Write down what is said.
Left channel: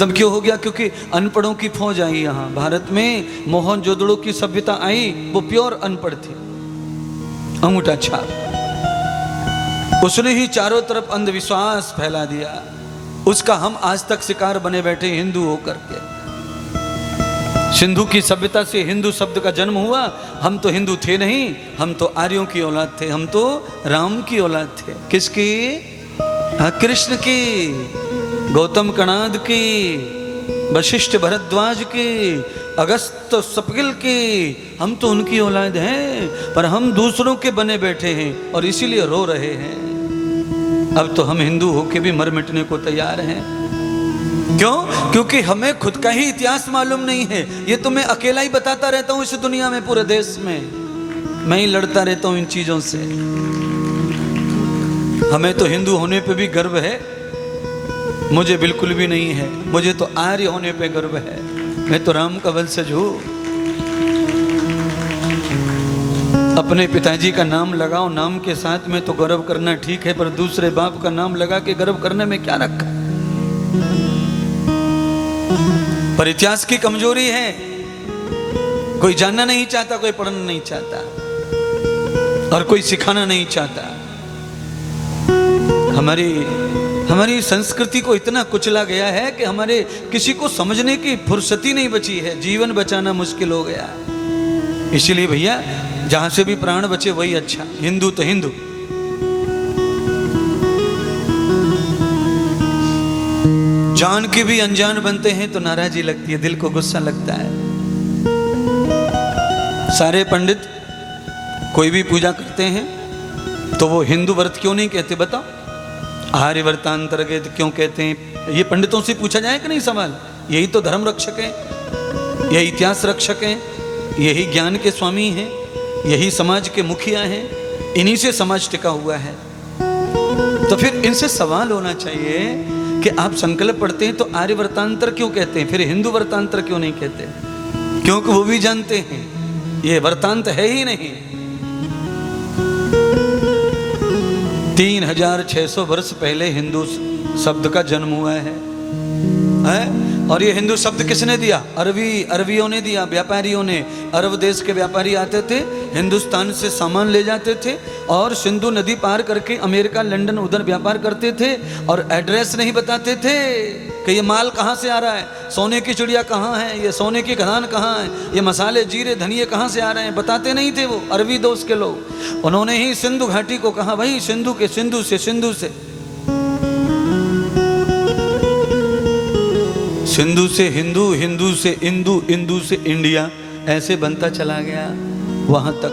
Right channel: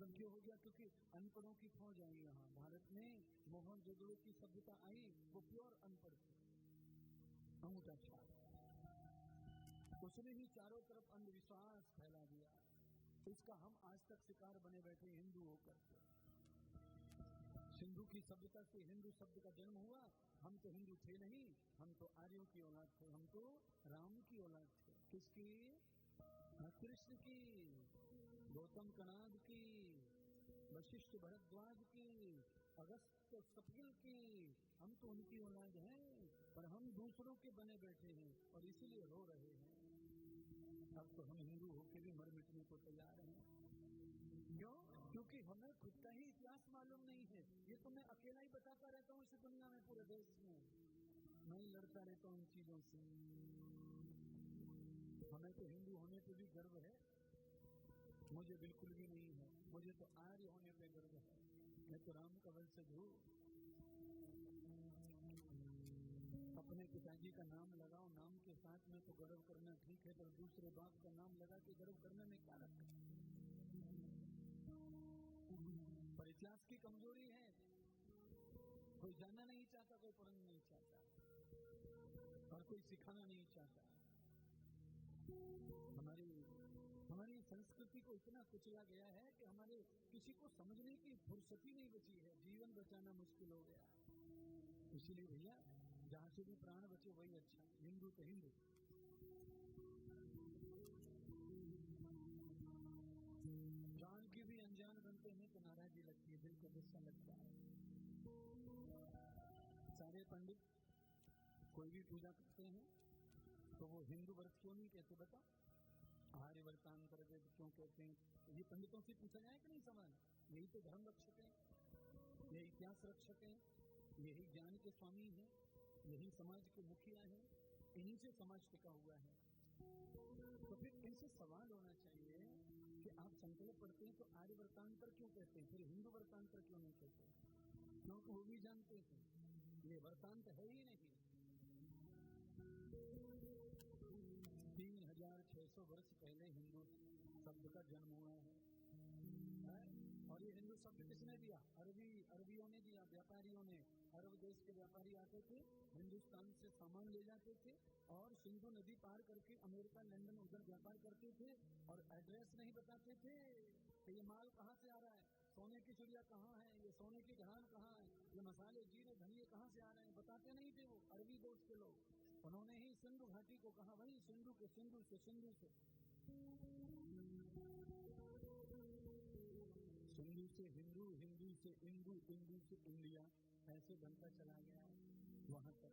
खत्म क्यों हो गया? क्योंकि अनपढ़ों की फौज आई यहाँ भारत में। मोहनजोदड़ो की सभ्यता आई, वो प्योर अनपढ़ थी, अंगूठा छाप। उसने ही चारों तरफ अंधविश्वास फैला दिया। उसका हम आज तक शिकार बने बैठे हिंदू होकर के। सिंधु की सभ्यता से हिंदू शब्द का जन्म हुआ। हम तो हिंदू थे नहीं, हम तो आर्यों की औलाद थे, हम तो राम की औलाद थे। किसकी? कृष्ण की, गौतम कणाद की, वशिष्ठ भरद्वाज की, अगस्त सपगिल की। हम तो उनकी औलाद हैं, पर हम दूसरों के बने बैठे हैं और इसीलिए रो रहे हैं। अब तो हम हिंदू होके भी मर मिटने को तैयार हैं। क्यों? क्योंकि हमें खुद का ही इतिहास मालूम नहीं है। ये तो मैं अकेला ही बताता रहता हूं इस दुनिया में, पूरे देश में मैं ही लड़ता रहता हूं इन चीजों से। हमें तो हिंदू होने पे भी गर्व है, मुझे बिल्कुल भी नहीं है। मुझे तो आर्य होने पे गर्व है। मैं तो राम का वंशज हूं। अपने पिताजी का नाम लगाओ, नाम के साथ में तो गर्व करना ठीक है, पर दूसरे बाप का नाम लगा के गर्व करने में क्या रखा? पर इतिहास की कमजोरी है, कोई जानना नहीं चाहता, कोई पढ़ना नहीं चाहता और कोई सिखाना नहीं चाहता। हमारी संस्कृति को इतना कुचला गया है कि हमारे किसी को समझने की फुर्सत ही नहीं बची है। जीवन बचाना मुश्किल हो गया। इसीलिए भैया जहां से भी प्राण बचे वही अच्छा। हिंदू तो हिंदू। जान के भी अनजान बनते हैं तो नाराजगी लगती है, दिल को गुस्सा लगता है। सारे पंडित कोई भी पूजा करते हैं तो वो हिंदू व्रत क्यों नहीं कहते? बताओ। आर्य व्रतांतर्गत क्यों कहते हैं? ये पंडितों से पूछा जाए कि नहीं सवाल? यही तो धर्म रक्षक हैं, यही इतिहास रक्षक हैं, यही ज्ञान के स्वामी हैं, यही समाज के मुखिया हैं। इन्हीं से समाज टिका हुआ है। तो फिर इनसे सवाल होना चाहिए कि आप संकल्प पढ़ते हैं तो आर्य व्रतांतर क्यों कहते हैं, फिर हिंदू व्रतांतर क्यों नहीं कहते? क्योंकि वो भी जानते हैं ये व्रतांत है ही नहीं। 3600 वर्ष पहले हिंदू शब्द का जन्म हुआ है? और ये हिंदू शब्द किसने दिया? अरबियों ने दिया, व्यापारियों ने। अरब देश के व्यापारी आते थे, हिंदुस्तान से सामान ले जाते थे और सिंधु नदी पार करके अमेरिका, लंदन उधर व्यापार करते थे और एड्रेस नहीं बताते थे कि ये माल कहाँ से आ रहा है, सोने की चिड़िया कहाँ है, ये सोने की खदान कहाँ है, ये मसाले जीरे धनिये कहाँ से आ रहे हैं, बताते नहीं थे वो अरबी दोस्त के लोग। उन्होंने ही सिंधु घाटी को कहा भाई सिंधु से सिंधु से हिंदू, हिंदू से इंदू, इंदू से इंडिया, ऐसे बनता चला गया वहां तक।